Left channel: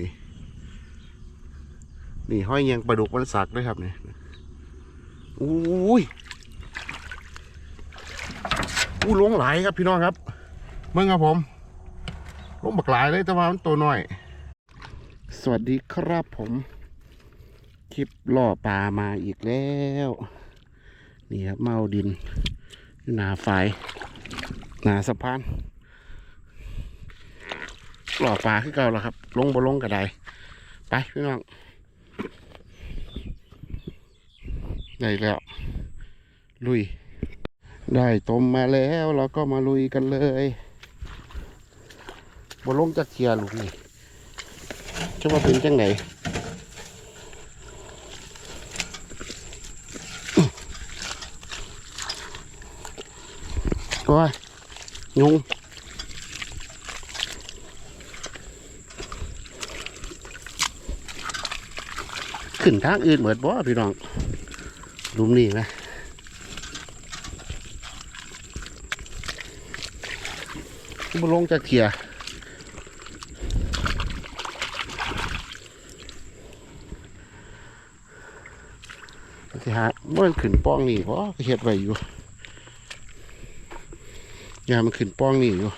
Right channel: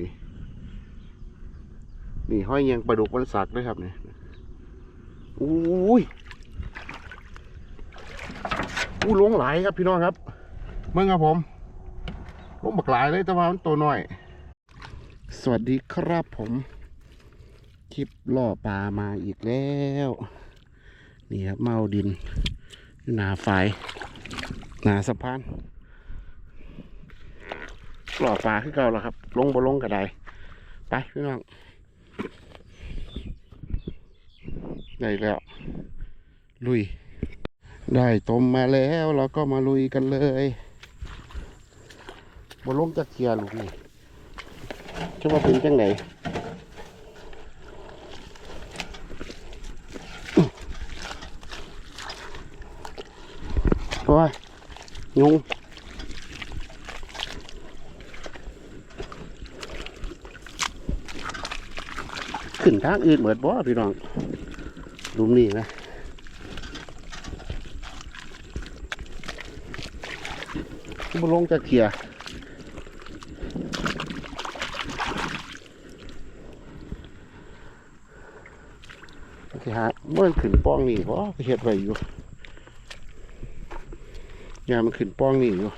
นี่นี่ห้อยเงียงปลาดุกวันสักด้วยครับเนี่ยอุ้ยอู้ลงหลายครับพี่น้องครับเมื่อครับผมลงบักหลายเลยแต่ว่ามันตัวน้อย สวัสดีครับผม คลิปล่อปลามาอีกแล้ว นี่ครับเมาดิน หนาฝายหนาสะพาน หล่อปลาขึ้นเก่าแล้วครับ ลงบ่ลงก็ได้ไปพี่น้องได้แล้ว ลุย ได้ต้มมาแล้วเราก็มาลุยกันเลยบ่ลงจากเกียร์ลูกนี่จะว่าเป็นจังไหนโอ้ยยุง ขึ้นทางอื่นเหมือนบ่พี่น้องลุมนี่นะมาลงจะเขียสิหาเมื่อขึ้นป้องนี่เพราะเฮ็ดไว้อยู่ยามันขึ้นป้องนี่อยู่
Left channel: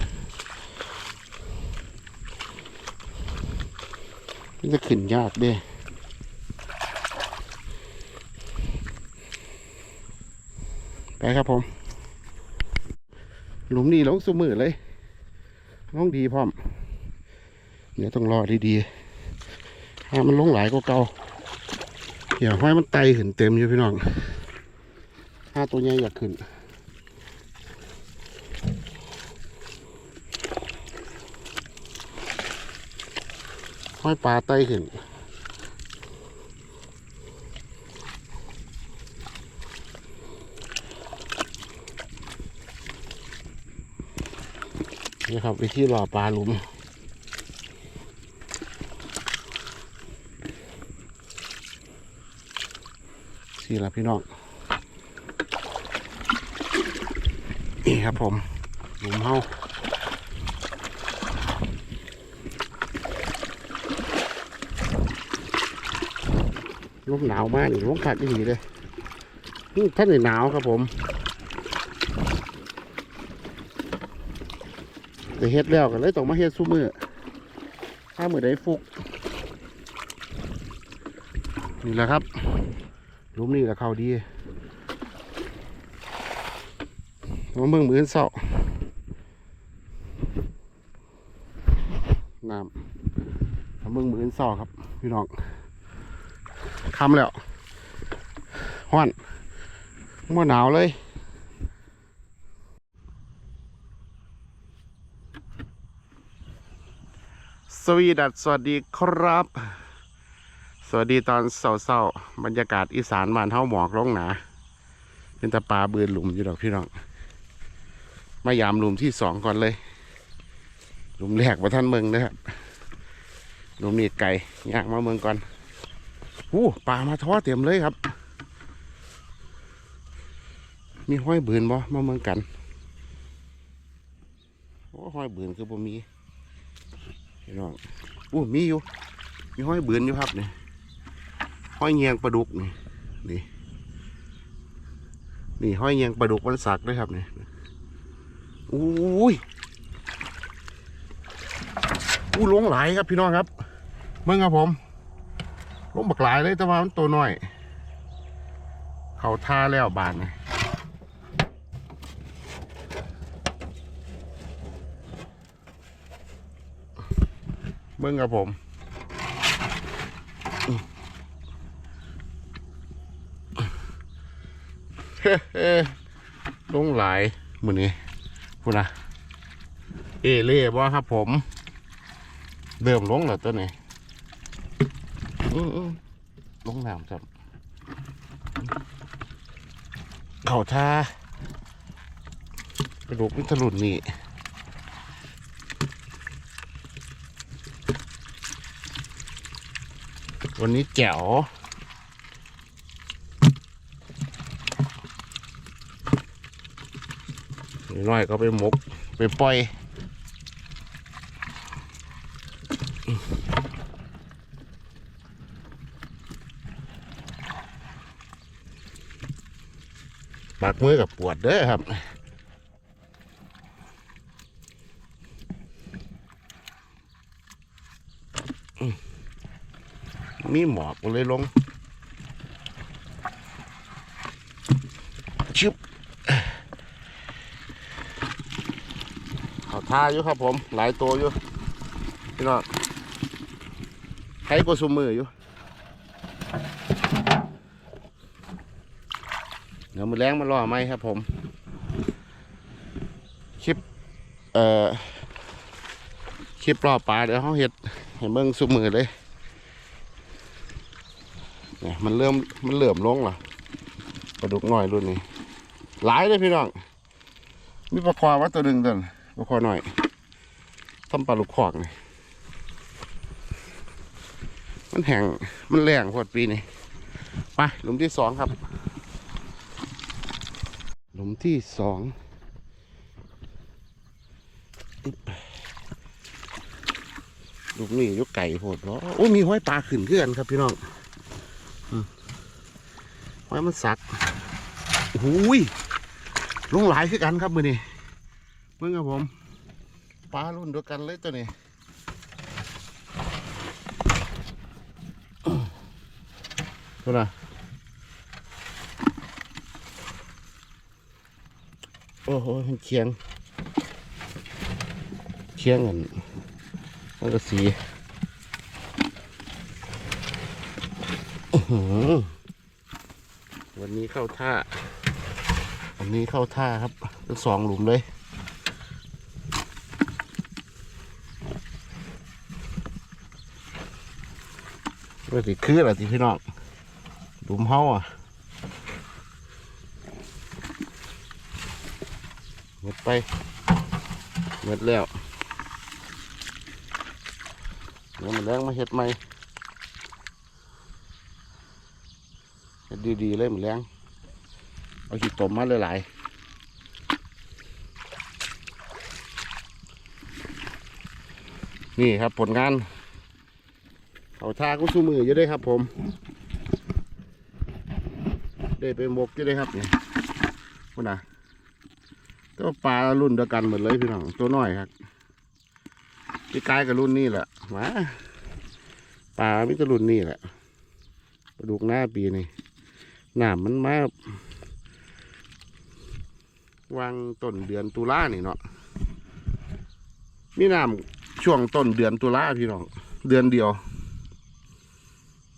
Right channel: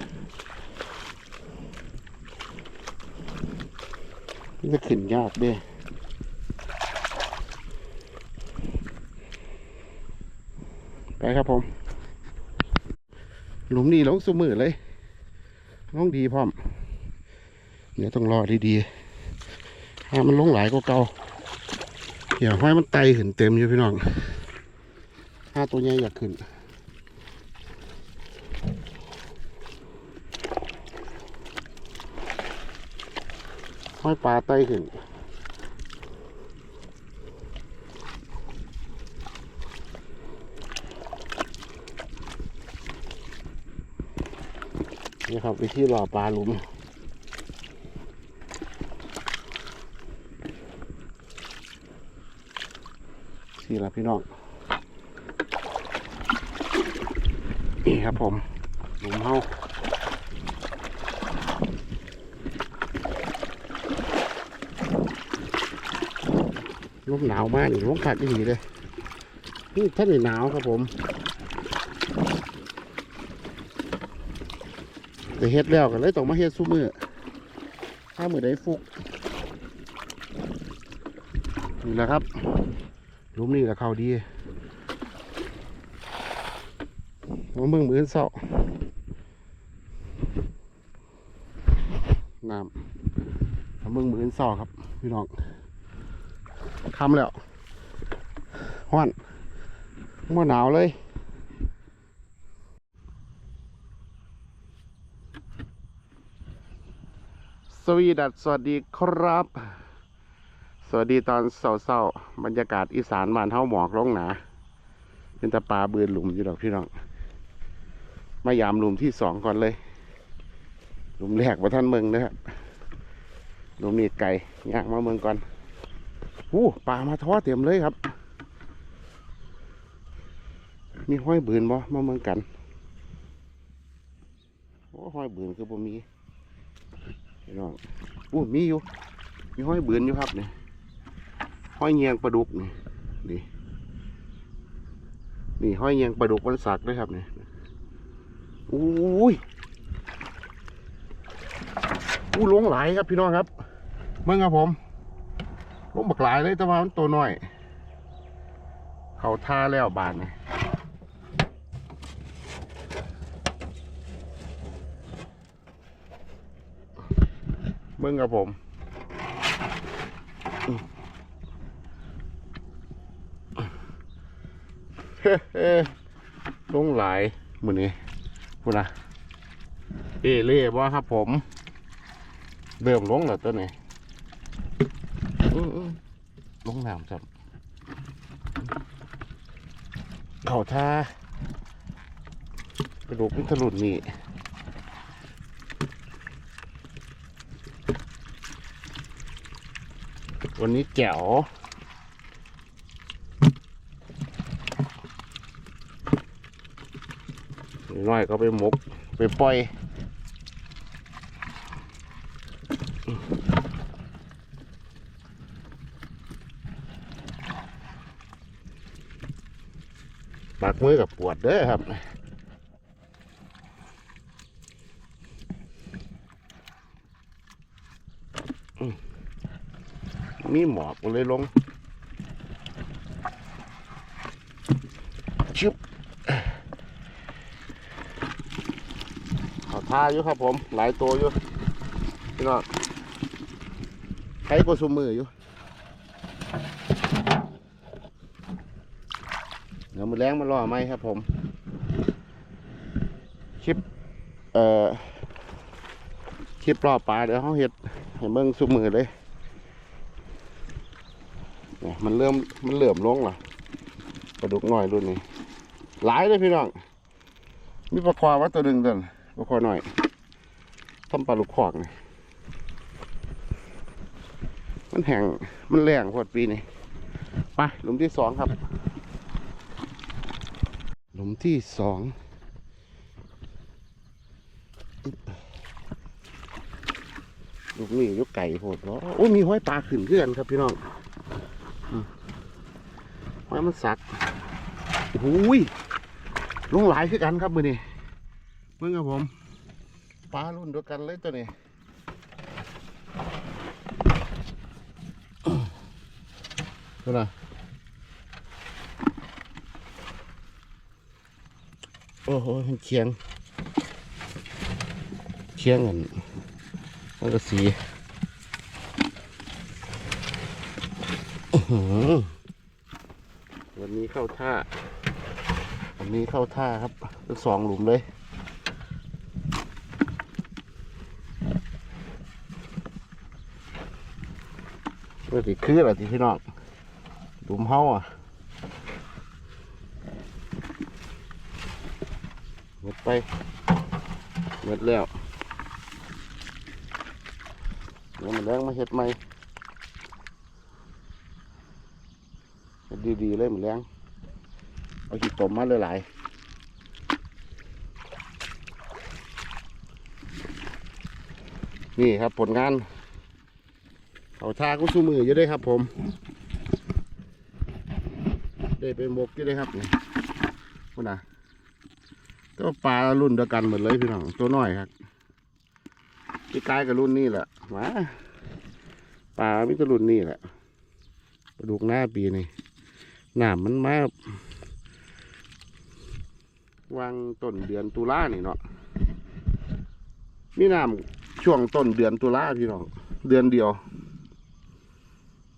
มันจะขึ้นยากเด้ ไปครับผม หลุมนี้ลงสมือเลยลงดีพร้อม เดี๋ยวต้องรอดีๆถ้ามันลงหลายก็เก่าอย่าห้อยมันไตขึ้นเต็มอยู่พี่น้องถ้าตัวใหญ่อยากขึ้นห้อยปลาไตขึ้น นี่ครับ วิธีหล่อปลาหลุมสี่ละพี่น้องนี่ครับผม หลุมเฮาลมหนาวมากนี่ลมขาดอีหลีเลยนี่ท่านนี่หนาวครับผม แต่เฮ็ดแล้วกันเลยต้องมาเฮ็ดสู้มือถ้ามือได้ฟุกนี่แหละครับลุมนี่แหละเขาดีมาเมืองมือนเศร้าน้ำมาเมืองมือนเศร้าครับพี่น้องคำแล้วห้อนมื่อหนาวเลย สวีดัสสวัสดีครับ สวัสดีตอนเศร้าๆบรรยากาศอีสานบ้านเฮาหมอกลงหนา เป็นตะปลาเบือนหลุมอยู่ดอกพี่น้อง มายามหลุมที่สองก่อนเลย หลุมแรกมาท่านเมืองนะครับหลุมนี้ไก่ย่างมาเมืองก่อนอู้ปลามาท้อเต็มเลยครับ มีห้อยบืนบ่มาเมืองกันโอ้ห้อยบืนคือบ่มี พี่น้องอู้มีอยู่ มีห้อยเบือนอยู่ครับนี่ห้อยเงียงปลาดุกนี่นี่นี่ห้อยเงียงปลาดุกวันสักด้วยครับนี่อุ้ยอู้ลงหลายครับพี่น้องครับเมื่อครับผมลงบักหลายเลยแต่ว่ามันตัวน้อย เขาท่าแล้วบานนี่ เบิ่งกับผมเฮ้ลงหลายมือนี้พูดนะเอเล่บ่ครับผมเริ่มลงแล้วตัวนี้อื้ออื้อลงน้ำจับเขาท่ากระดูกพิทะลุนนี่ วันนี้แจ๋วน้อยก็ไปมก ไปปล่อยปากมือกับปวดเด้อครับ มีหมอกก็เลยลงชึบเขาท่าอยู่ครับผม หลายตัวอยู่พี่น้องใช้กว่าซุมมืออยู่เดี๋ยวมือแรงมารอไหมครับผม คลิป เอ่อ คลิปรอปลาเดี๋ยวเขาเห็ดให้เบิ่งซุมมือเลย เนี่ยมันเริ่มมันเหลื่อมลงและปลาดุกน้อยรุ่นนี้หลายเลยพี่น้องมีปลาควาว่าตัวหนึ่งตัวน่ะปลาควาหน่อยทำปลาลูกคอกนี่มันแห้งมันแรงพอดปีนี้ไปหลุมที่สองครับ หลุมที่สองลูกนี่ยกไก่โพดเนาะโอ้ยมีห้อยปลาขึ้นเพื่อนครับพี่น้อง อืมห้อยมันสักโอ้ยลงหลายคือกันครับมือนี่เมื่อครับผมปลารุ่นเดียวกันเลยตัวนี้ดูนะโอ้โหมันเคียงเคียงกันมันก็สีอื้อหือ วันนี้เข้าท่า วันนี้เข้าท่าครับสองหลุมเลยก็สิคืออะไรที่พี่น้องหลุมเฮาอะหมดไปหมดแล้วเดี๋ยวมันแรงมาเห็ดใหม่เห็ ดีๆเลยมันแรงเอาขีดตมมาหลายๆนี่ครับผลงานเขาทาก็สู้มืออยู่ด้วยครับ ผมได้ไปหมกอยู่ด้วยครับนี่พูดนะก็ปลารุ่นเดียวกันเหมดเลยพี่น้องตัวน้อยครับพี่กายกับรุ่นนี้แหละมาปลาไมิตรรุ่นนี้แหละปลาดุกหน้าปีนี่ น้ำมันมาวางต้นเดือนตุลานี่เนาะมีน้ำช่วงต้นเดือนตุลาพี่น้องเดือนเดียว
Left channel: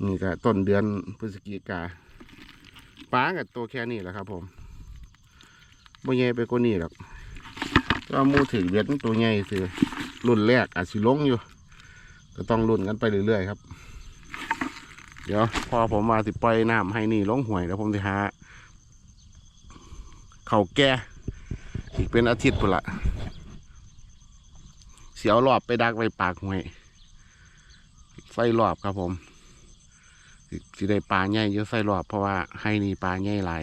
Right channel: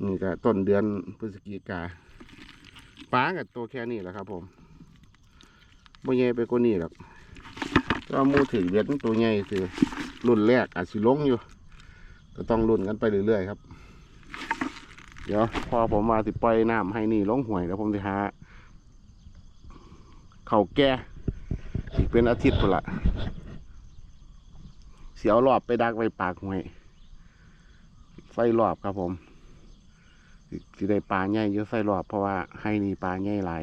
นี่ก็ต้นเดือนพฤศจิกาปลากับตัวแค่นี้แหละครับ ผมบ่ใหญ่ไปกว่านี้หรอกก็มูถึงเดือนตัวใหญ่คือรุ่นแรกอาจสิลงอยู่ก็ต้องรุ่นกันไปเรื่อยๆครับ เดี๋ยวพอผมมาสิปล่อยน้ำให้นี่ลงห่วยแล้วผมจะหาเขาแก่อีกเป็นอาทิตย์พุ่นละเสียวรอบไปดักไปปากห่วยไฟรอบครับผมสิสิได้ปลาใหญ่เยอะใส่รอบเพราะว่าให้นี่ปลาใหญ่หลาย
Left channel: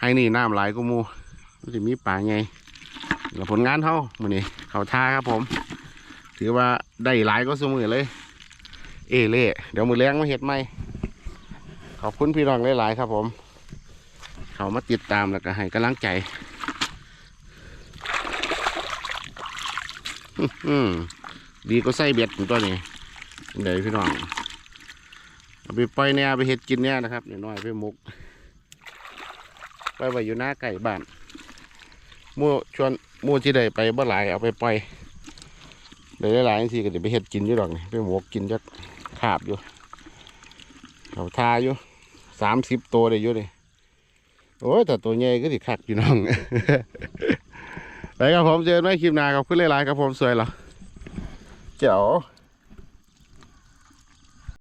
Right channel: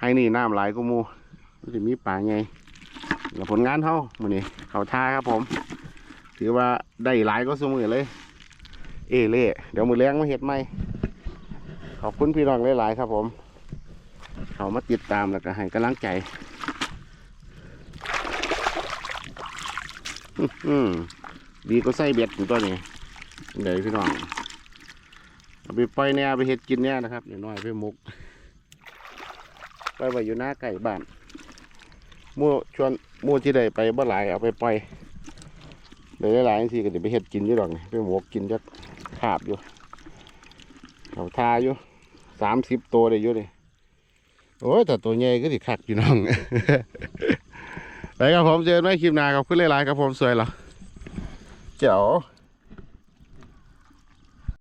ให้นี่น้ำหลายก็มูมันจะมีปลาใหญ่แล้วผลงานเท่ามือนี้เขาท่าครับผม ถือว่าได้หลายก็สมือเลย เอเล่เดี๋ยวมือแรงมาเห็ดไหมขอบคุณพี่น้องหลายๆครับผม เขามาติดตามแล้วก็ให้กำลังใจอืดีก็ใส่เบ็ดตัวนี้เดี๋ยวพี่น้องเอาไปปล่อยแน่เอาไปเห็ดกินแน่นะครับน้อยๆไปหมกไปไว้อยู่หน้าไก่บ้านมู่ชวนมู่ที่ใดไปบ่หลายเอาไปปล่อย เลยหลายๆทีก็จะไปเห็ดกินอยู่ดอกนี่ไปหมกกินจักขาบอยู่เขาทาอยู่สามสิบตัวเลยอยู่เลยโอ้ยแต่ตัวใหญ่ก็สิคักพี่น้องไปครับผมเจอกันใหม่คลิปหน้าขอบคุณหลายๆครับผมสวยเหรอเจ๋อ